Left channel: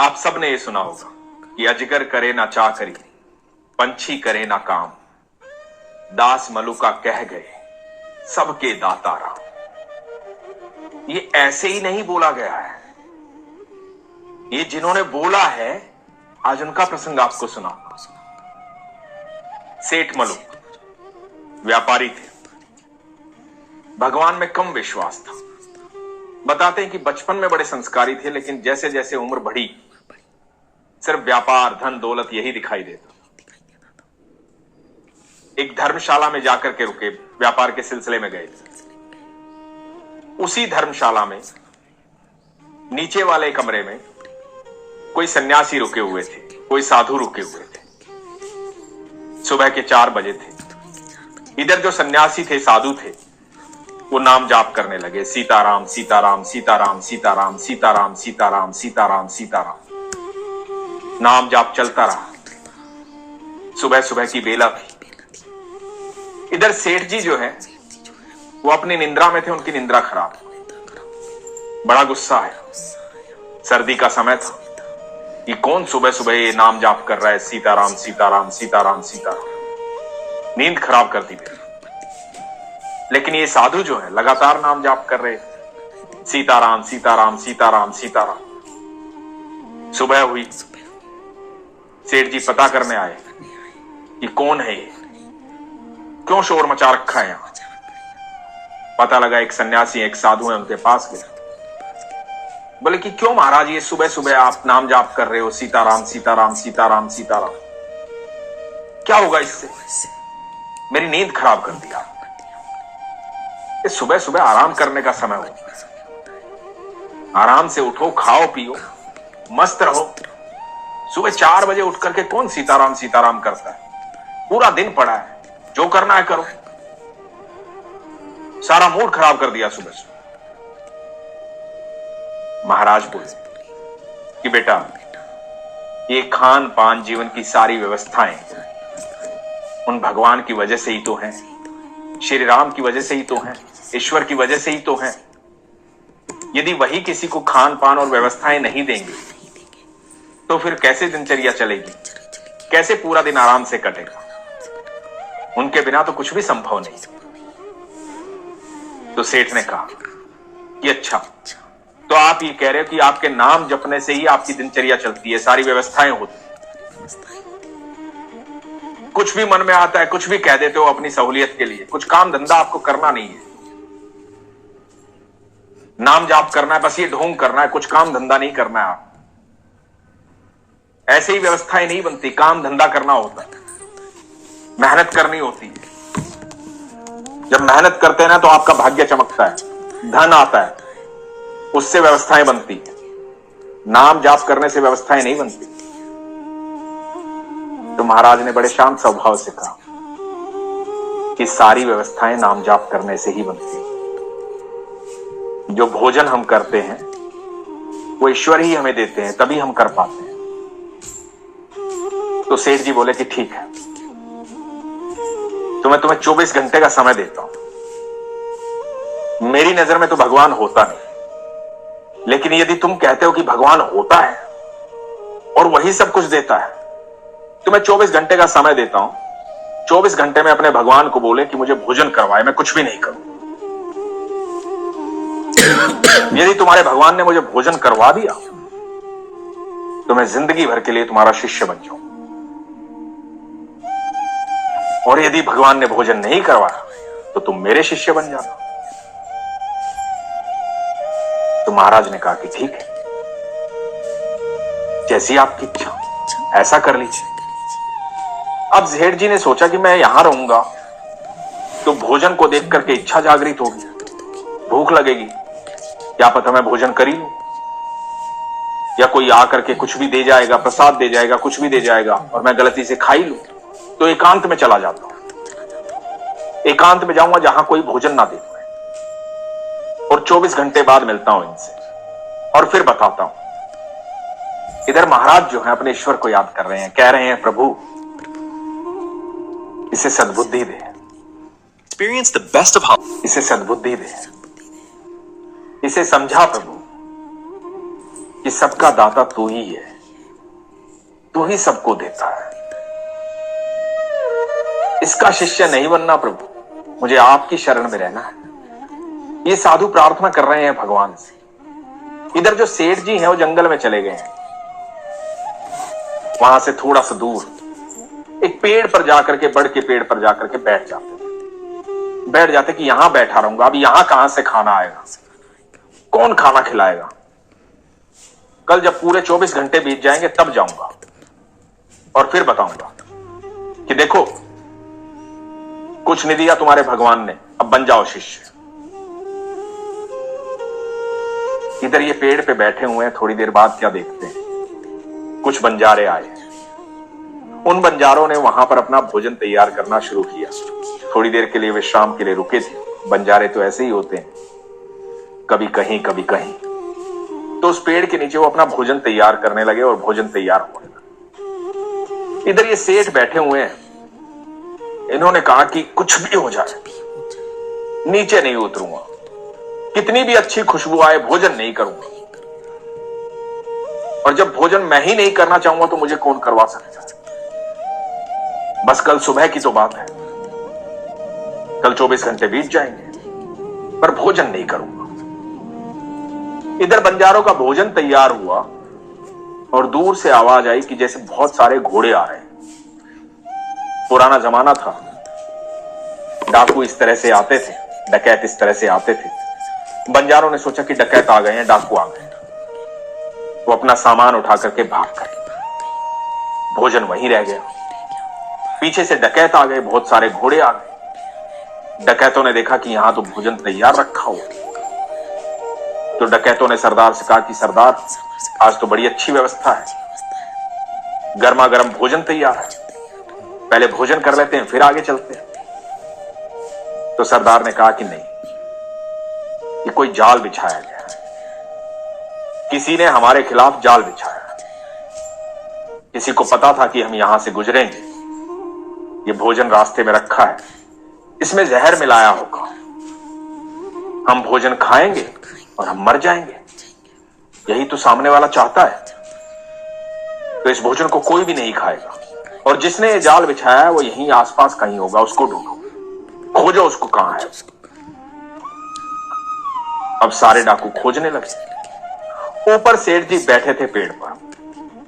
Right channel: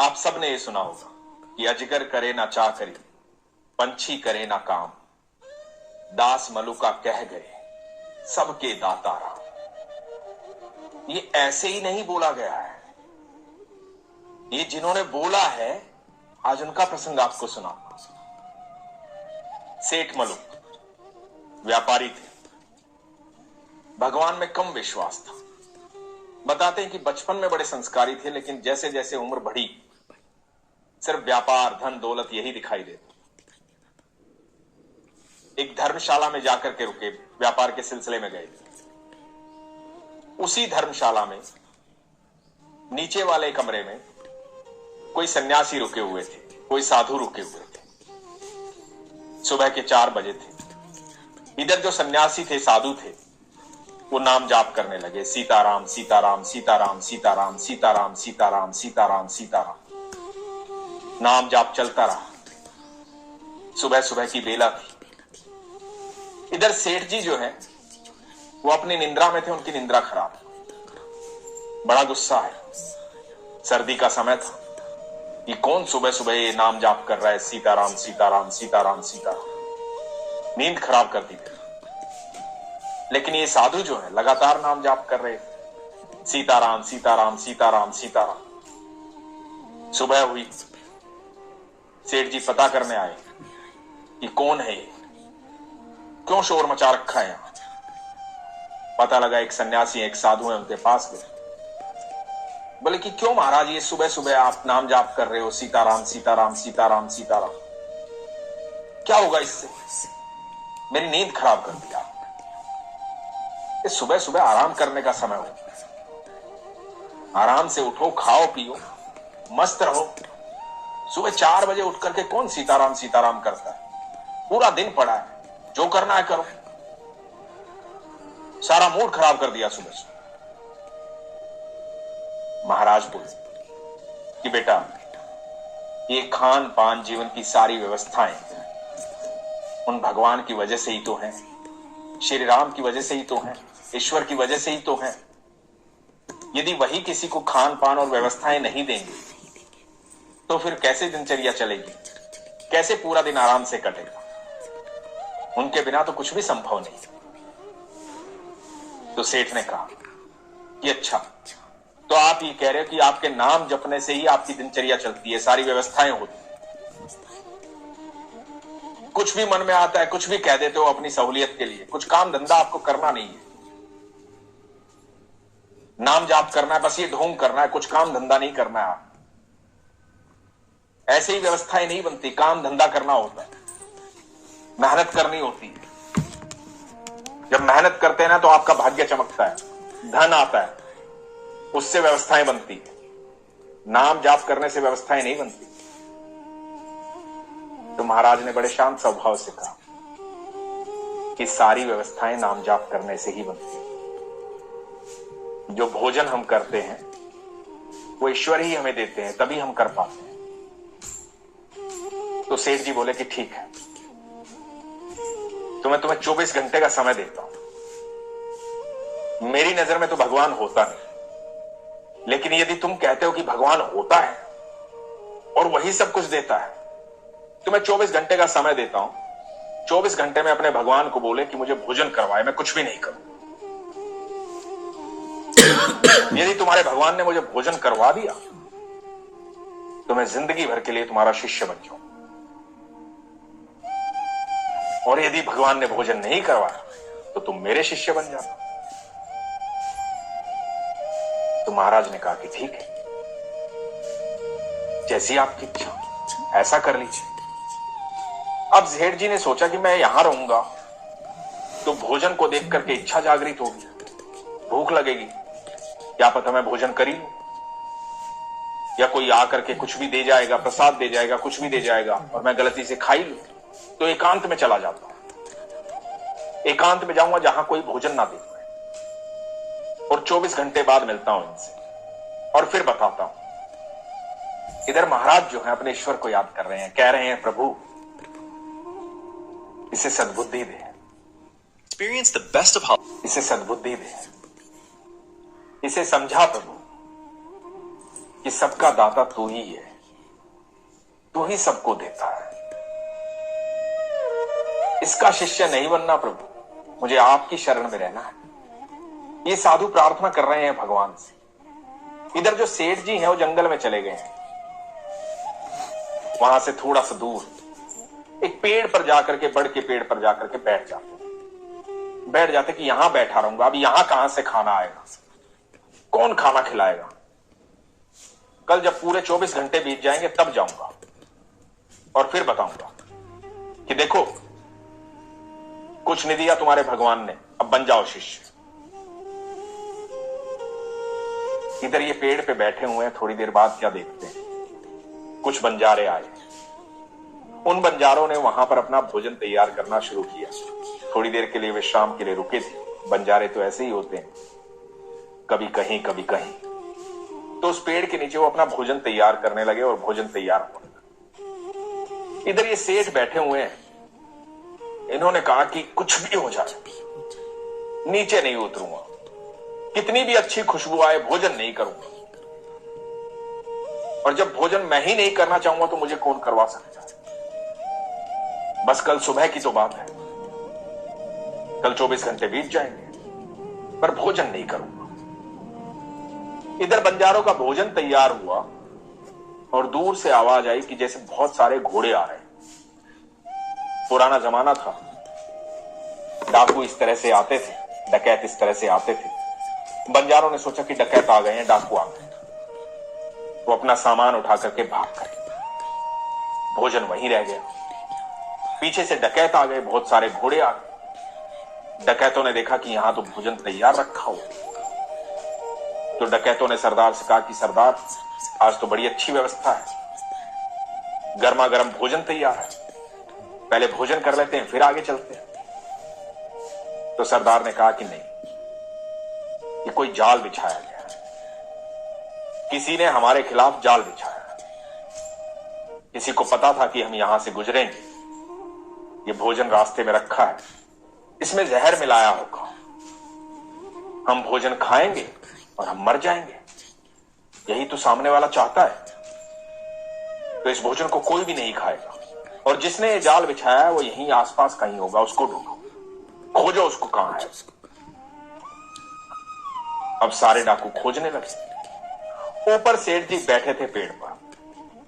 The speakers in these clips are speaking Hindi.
आप सब ने ये सुना होगा कि अजगर करे ना चाकरी, पंछी करे ना काम, दास मलुका कह गए सबके दाता राम। ये ऐसे ही नहीं बोला गया है, ये जिन्होंने बोला है आज उनका प्रसंग आपको सुना। सेठ मलुक व्यापारी थे, भगवान में कम विश्वास था। बताते हैं कि बचपन में बड़े संस्कारी थे, लेकिन जैसे जैसे उम्र बढ़ी सिर्फ व्यापार, धन, दौलत यही दिखाई देता। एक धर्मशाला में जाकर के रुके, व्यापार के सिलसिले में गए थे। उसी धर्मशाला में नीचे वाले कमरे में कोई सन्यासी रुके हुए थे, कोई साधु रुके हुए थे। सुबह के 4 बजे थे। इधर जो सन्यासी थे, साधु थे, वो नाम जाप करने लगे, सीताराम सीताराम सीताराम सीताराम सीताराम सीताराम सीताराम सीताराम। नाम जाप चलता रहा। सुबह सुबह की बेला थी। इधर सेठ जी जो है वो अपनी निंद्रा में थे, उनकी निंद्रा खराब, बड़ा गुस्सा है। सर्दी का समय था कि कौन सुबह सुबह ये नाम जाप कर रहा है, सीताराम सीताराम सीताराम सीताराम। नींद खराब कर दी थी। लेकिन ये साधु जो है लगातार नाम जाप कर रहे, सीताराम सीताराम सीताराम सीताराम। सुबह हुई, सेठ जी पता करने आए कि कौन है ये, क्यों शोर मचा रखा है यहां। पता लगा एक सन्यासी, एक साधु है, उनके पास गया। बोले कि क्यों महाराज ये सुबह सुबह आप नाम जाप कर रहे हो, सीताराम सीताराम सीताराम सीताराम, क्या होगा इससे? मेरी नींद खराब कर दिया। इस सुबह सुबह आराम करने का समय हो, आराम से उठो, खाओ पियो, मस्त रहो। सुबह 4 बजे उठ करके कौन सीताराम सीताराम करता है? पूरा दिन पड़ा है, जो करना है करो। सारा मूड खराब कर दिया सुबह सुबह। महाराज बोले कि बेटा, ये खान पान, जीवन की सारी व्यवस्थाएं उन भगवान की वजह से ही तो हैं, श्री राम की वजह से ही तो हैं, ईश्वर की वजह से ही तो हैं। यदि वही किसी को खान पान और व्यवस्थाएं नहीं देंगे तो फिर कैसे दिनचर्या चलेगी, कैसे पूरा दिन आराम से कटेगा? उनके बिना तो कुछ भी संभव नहीं। तो सेठ ने कहा कि अच्छा, तो आप ये कह रहे हो कि आपके नाम जपने से ही आपकी दिनचर्या चलती है, सारी व्यवस्थाएं होती है, कुछ भी मन में आता है कुछ भी कह देते हो अपनी सहूलियत के लिए, कुछ काम धंधा आपको करना नहीं है, नाम जाप करना है, बस ये ढोंग करना है, कुछ काम धंधा नहीं करना है। आप ऐसे ही व्यवस्थाएं नहीं बनती, काम धंधा करना होता है, मेहनत करनी होती है। जब मेहनत करते हैं ना तो आपका भाग्य चमकता है, धन आता है, उससे व्यवस्थाएं बनती है। नाम जाप करने से व्यवस्थाएं नहीं बनती। तो महाराज ने बड़े शांत स्वभाव से कहा कि सारी व्यवस्थाएं नाम जाप करने से ही बनती है। जो भोजन हम करते हैं वो ईश्वर ही हमें देते हैं, तभी हम कर पाते हैं। तो सेठ जी बोले कि ठीक है, तो मैं तुम्हें 24 घंटे का समय देता हूं। मेरी नजर में तो भगवान होता नहीं, लेकिन यदि तुम कहते हो कि भगवान होता है और वही सब कुछ देता है, तो मैं 24 घंटे का समय देता हूं। 24 घंटे में अपने भगवान को बोले कि मुझे भोजन करवाए, मैं कुछ भी नहीं करूं। यदि तुम्हारे भगवान ने मुझे भोजन करवा दिया तो मैं जिंदगी भर के लिए तुम्हारा शिष्य बन जाऊं, और यदि भगवान ने भोजन नहीं करवाया तो तुम मेरे शिष्य बन जाना। तो महाराज ने कहा कि ठीक है, जैसी आपकी इच्छा ऐसा कर लीजिए। अब सेठ जी ने सोचा कि मैं यहां रहूंगा तो भोजन को देख करके इच्छा जागृत होगी, भूख लगेगी, क्या पता मैं भोजन कर ही लूं, या कोई आकर के कुछ भी दे जाएगा, प्रसाद दे जाएगा, कुछ भी दे जाएगा और मैं गलती से खा ही लूं। तो एकांत में चला जाता हूं, एकांत में जाऊंगा जहां कोई भोजन ना दे, और 24 घंटे बाद मिलता हूं इनसे और फिर बताता हूं। इधर महाराज जो है अपने ईश्वर को याद कर रहे हैं, कह रहे हैं प्रभु इसे सद्बुद्धि दे, Experience the best of holidays. इसे सद्बुद्धि दे, इसे समझा प्रभु, कि सबका दाता तू ही है, तू ही सबको देता है। इसका शिष्य नहीं बनना प्रभु, मुझे आपकी शरण में रहना है। ये साधु प्रार्थना कर रहे हैं भगवान से। इधर जो सेठ जी हैं वो जंगल में चले गए हैं। वहां से थोड़ा सा दूर एक पेड़ पर जाकर के, बड़ के पेड़ पर जाकर के बैठ जाते कि यहां बैठा रहूंगा। अब यहां कहां से खाना आएगा, कौन खाना खिलाएगा? कल जब पूरे 24 घंटे बीत जाएंगे तब जाऊंगा और फिर बताऊंगा कि देखो कुछ नहीं दिया तुम्हारे भगवान ने, अब बन जाओ शिष्य। इधर ये पेड़ पे बैठे हुए हैं। थोड़ी देर बाद क्या देखते हैं, कुछ बंजारे आए। उन बंजारों ने वहां पर अपना भोजन तैयार करना शुरू किया। थोड़ी देर के लिए विश्राम के लिए रुके थे। बंजारे तो ऐसे ही होते हैं, कभी कहीं कभी कहीं। तो उस पेड़ के नीचे वो अपना भोजन तैयार करने लगे और भोजन तैयार होने लगा। इधर ये सेठ बैठे हुए हैं। इन्होंने कहा कि कुछ भी हो जाए नीचे नहीं उतरूंगा, कितनी भी अच्छी खुशबू आए भोजन नहीं करूंगा। और जब भोजन मैं ही नहीं करना चाहूंगा तो मुझे कौन करवा सकता है? बस कल सुबह की तो बात है, कल 24 घंटे बीत जाएंगे पर भोजन नहीं करूंगा। इधर बंजारों का भोजन तैयार हुआ और दूर से आवाज आई कि जैसे बहुत सारे घोड़े आ रहे हैं। पुराना जमाना था, डाकू इस तरह से आते थे, डकैत इस तरह से आते थे। बंजारों ने सोचा कि डकैत आ गए हैं, डाकू आ गए। वो अपना सामान उठा करके भाग गए। भोजन वहीं रह गया। पीछे से डकैत आ गए, बहुत सारे घोड़े आ गए। डकैतों ने देखा कि यहां तो भोजन तैयार रखा हुआ। तो डकैतों ने सरदार से कहा कि सरदार, आज तो बड़ी अच्छी व्यवस्था है, गर्मा गर्म भोजन तैयार है, पहले भोजन कर लेते हैं फिर आगे चलते हैं। तो सरदार ने कहा कि नहीं, ये कोई जाल बिछाया गया है, किसी ने हमारे खिलाफ जाल बिछाया। किसी को पता था कि हम यहां से गुजरेंगे, ये भोजन रास्ते में रखा है, इसमें जहर मिलाया होगा, हम भोजन खाएंगे और हम मर जाएंगे। यही तो सामने वाला चाहता है। तो इस भोजन को कोई भी नहीं खाएगा और जिसने ये जाल बिछाया है वो यहीं आसपास कहीं होगा, उसको ढूंढो, खोजो उसको कहां है। अब सारे डाकू खोजने लगे। ऊपर सेठ जी बैठे थे पेड़ पर,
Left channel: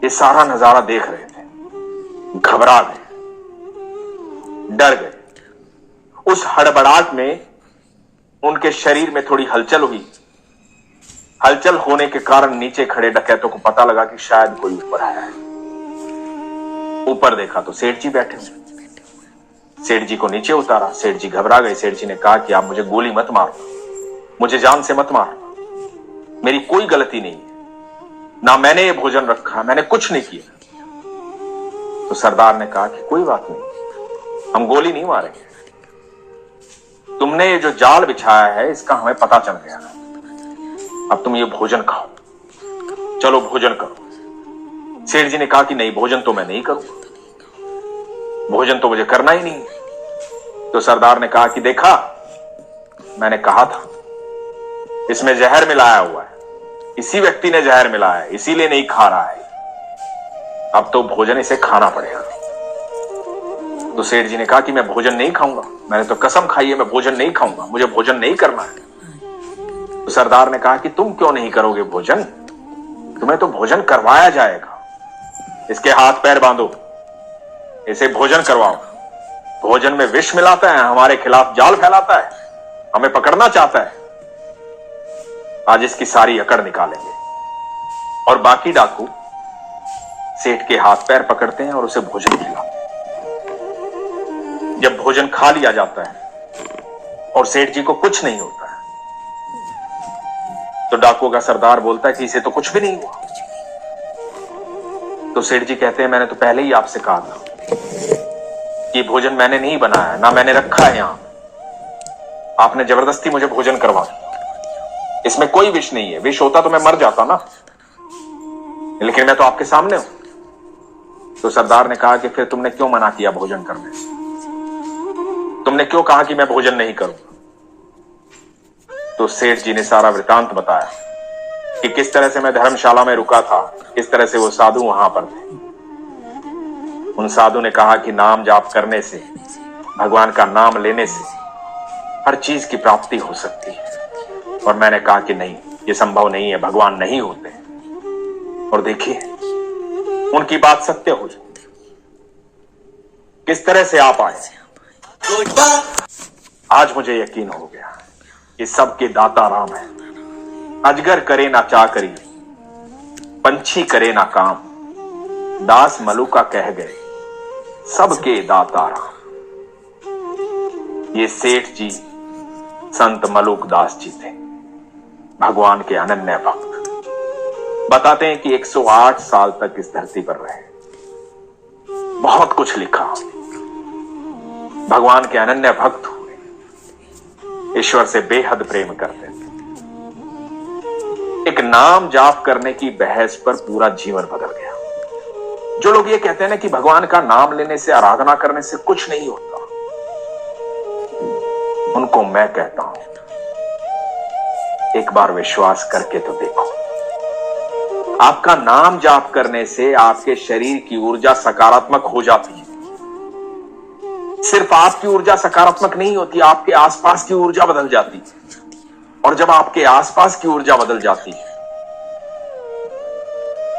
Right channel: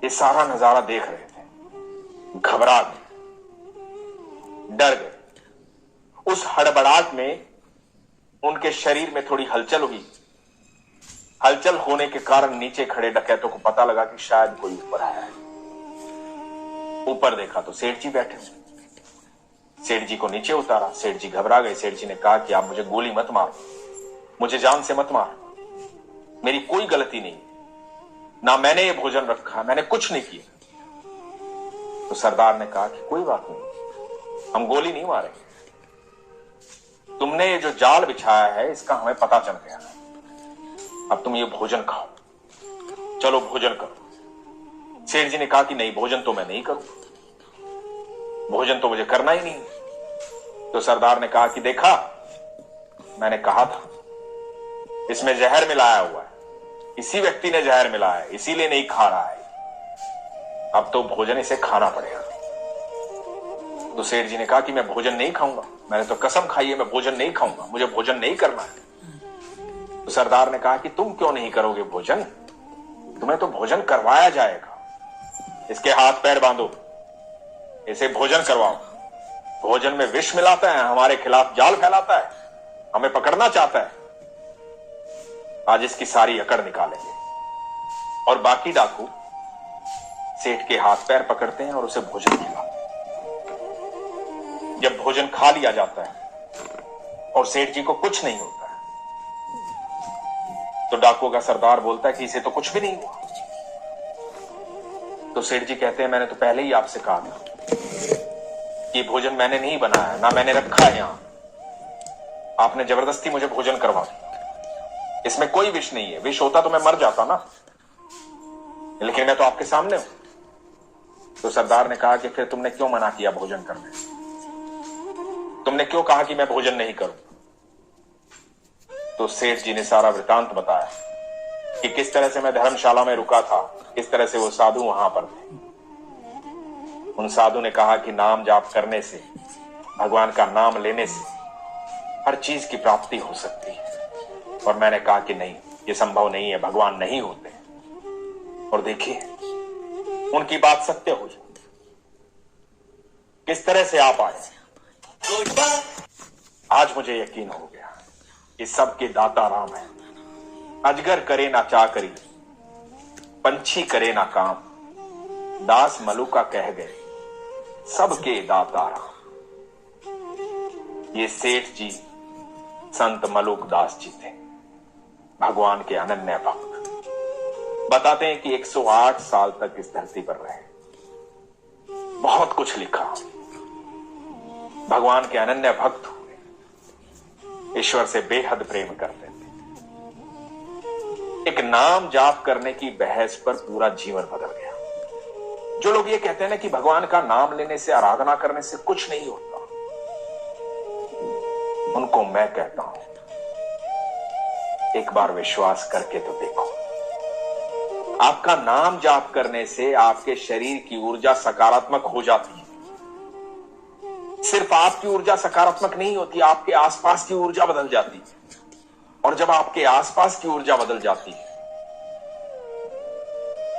ये सारा नजारा देख रहे थे। घबरा गए, डर गए। उस हड़बड़ाहट में उनके शरीर में थोड़ी हलचल हुई। हलचल होने के कारण नीचे खड़े डकैतों को पता लगा कि शायद कोई ऊपर आया है। ऊपर देखा तो सेठ जी बैठे हैं। सेठ जी को नीचे उतारा। सेठ जी घबरा गए। सेठ जी ने कहा कि आप मुझे गोली मत मारो, मुझे जान से मत मारो, मेरी कोई गलती नहीं है, ना मैंने ये भोजन रखा, मैंने कुछ नहीं किया। तो सरदार ने कहा कि कोई बात नहीं, हम गोली नहीं मारेंगे, तुमने ये जो जाल बिछाया है इसका हमें पता चल गया, अब तुम ये भोजन खाओ, चलो भोजन करो। सेठ जी ने कहा कि नहीं, भोजन तो मैं नहीं करूंगा, भोजन तो मुझे करना ही नहीं। तो सरदार ने कहा कि देखा, मैंने कहा था इसमें जहर मिलाया हुआ है, इसी व्यक्ति ने जहर मिलाया है, इसीलिए नहीं खा रहा है, अब तो भोजन इसे खाना पड़ेगा। तो सेठ जी ने कहा कि मैं भोजन नहीं खाऊंगा, मैंने तो कसम खाई है मैं भोजन नहीं खाऊंगा, मुझे भोजन नहीं करना है। तो सरदार ने कहा कि तुम क्यों नहीं करोगे भोजन, तुम्हें तो भोजन करवाया जाएगा, इसके हाथ पैर बांधो, इसे भोजन करवाओ। भोजन में विष मिलाता है, हमारे खिलाफ जाल फैलाता है, हमें पकड़ना चाहता है, आज इसकी सारी अकड़ निकालेंगे। और बाकी डाकू सेठ के हाथ पैर पकड़ते हैं और उसे भोजन खिलाते हैं। जब भोजन खा लिया जाता है और सेठ जी को कुछ नहीं होता है, तो डाकुओं का सरदार बोलता है कि इसे तो कुछ भी नहीं हुआ। तो सेठ जी कहते हैं मैंने तो पहले ही आपसे कहा था कि भोजन मैंने नहीं बनाया, ना मैंने रखा है यहां, आपने जबरदस्ती मुझे भोजन करवा दिया, इसमें कोई विष नहीं है, विष होता तो मैं मर जाता ना, लेकिन मैं तो आपके सामने हूं। तो सरदार ने कहा कि फिर तुमने क्यों मना किया भोजन करने, तुमने क्यों कहा कि मैं भोजन नहीं करूं। तो सेठ जी ने सारा वृतांत बताया कि किस तरह से मैं धर्मशाला में रुका था, किस तरह से वो साधु वहां पर थे। उन साधु ने कहा कि नाम जाप करने से, भगवान का नाम लेने से हर चीज की प्राप्ति हो सकती है। और मैंने कहा कि नहीं, ये संभव नहीं है, भगवान नहीं होते। और देखिए, उनकी बात सत्य हुई। किस तरह से आप आए। आज मुझे यकीन हो गया कि सबके दाता राम है। अजगर करे ना चाकरी, पंछी करे ना काम, दास मलुका कह गए सबके दाता राम। ये सेठ जी संत मलुक दास जी थे, भगवान के अनन्य भक्त। बताते हैं कि 108 साल तक इस धरती पर रहे, बहुत कुछ लिखा, भगवान के अनन्य भक्त हुए, ईश्वर से बेहद प्रेम करते थे। एक नाम जाप करने की बहस पर पूरा जीवन बदल गया। जो लोग ये कहते हैं ना कि भगवान का नाम लेने से, आराधना करने से कुछ नहीं होता, उनको मैं कहता हूं, एक बार विश्वास करके तो देखो। आपका नाम जाप करने से आपके शरीर की ऊर्जा सकारात्मक हो जाती है। सिर्फ आपकी ऊर्जा सकारात्मक नहीं होती, आपके आसपास की ऊर्जा बदल जाती है। और जब आपके आसपास की ऊर्जा बदल जाती है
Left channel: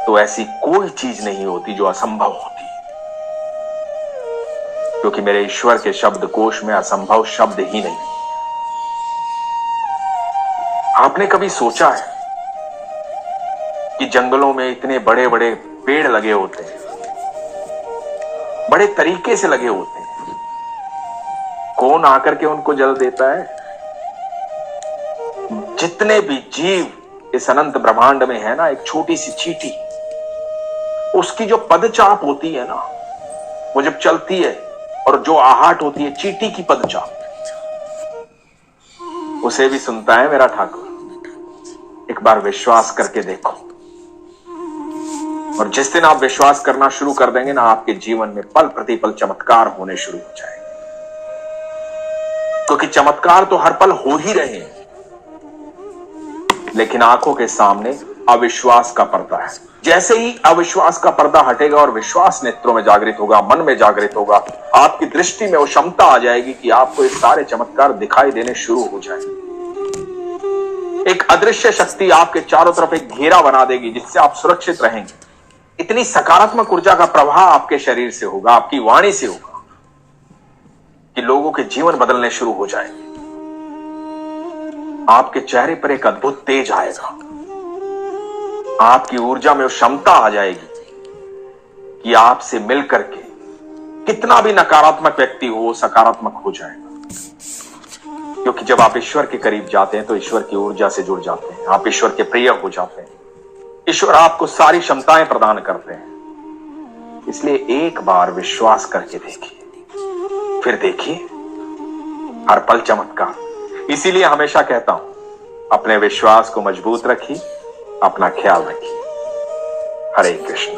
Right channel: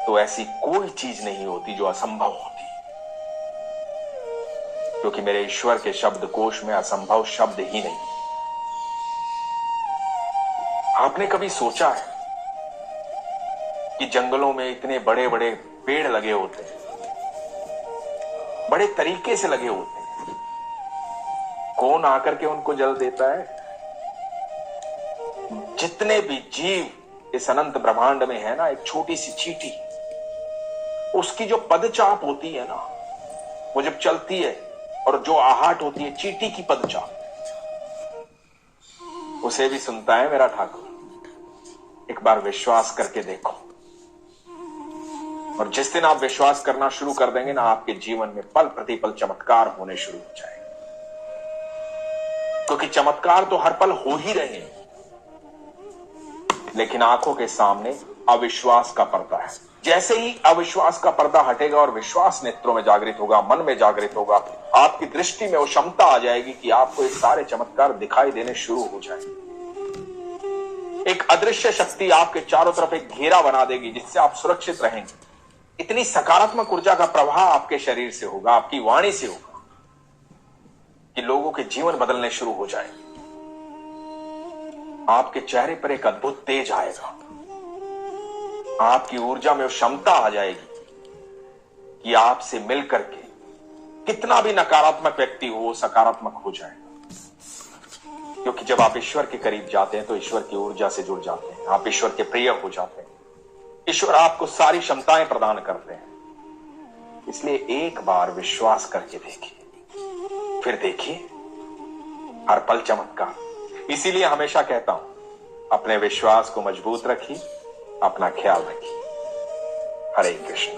तो ऐसी कोई चीज नहीं होती जो असंभव होती है, क्योंकि मेरे ईश्वर के शब्दकोश में असंभव शब्द ही नहीं। आपने कभी सोचा है कि जंगलों में इतने बड़े बड़े पेड़ लगे होते हैं, बड़े तरीके से लगे होते हैं, कौन आकर के उनको जल देता है? जितने भी जीव इस अनंत ब्रह्मांड में है ना, एक छोटी सी चींटी, उसकी जो पदचाप होती है ना, वो जब चलती है और जो आहट होती है, चींटी की पदचाप, उसे भी सुनता है मेरा ठाकुर। एक बार विश्वास करके देखो, और जिस दिन आप विश्वास करना शुरू कर देंगे ना, आपके जीवन में पल प्रतिपल चमत्कार होने शुरू हो जाएंगे। क्योंकि चमत्कार तो हर पल हो ही रहे हैं, लेकिन आंखों के सामने अविश्वास का पर्दा है। जैसे ही अविश्वास का पर्दा हटेगा और विश्वास नेत्रों में जागृत होगा, मन में जागृत होगा, आपकी दृष्टि में वो क्षमता आ जाएगी कि आपको ये सारे चमत्कार दिखाई देने शुरू हो जाएंगे। एक अदृश्य शक्ति आपके चारों तरफ एक घेरा बना देगी, जिससे आप सुरक्षित रहेंगे। इतनी सकारात्मक ऊर्जा का प्रवाह आपके शरीर से होगा, आपकी वाणी से होगा, कि लोगों के जीवन बदलने शुरू हो जाएंगे। आपके चेहरे पर एक अद्भुत तेज आएगा, आपकी ऊर्जा में वो क्षमता आ जाएगी कि आपसे मिलकर के कितना भी नकारात्मक व्यक्ति हो, सकारात्मक हो जाएगा। क्योंकि जब आप ईश्वर के करीब जाते हैं तो ईश्वर की ऊर्जा से जुड़ जाते हैं, आप ईश्वर के प्रिय हो जाते हैं। ईश्वर आपको सारी क्षमताएं प्रदान करते हैं। इसलिए एक बार विश्वास करके देखिए, फिर देखिए हर पल चमत्कार। इसीलिए हमेशा कहता हूं, अपने विश्वास को मजबूत रखिए, अपना ख्याल रखिए। हरे कृष्ण।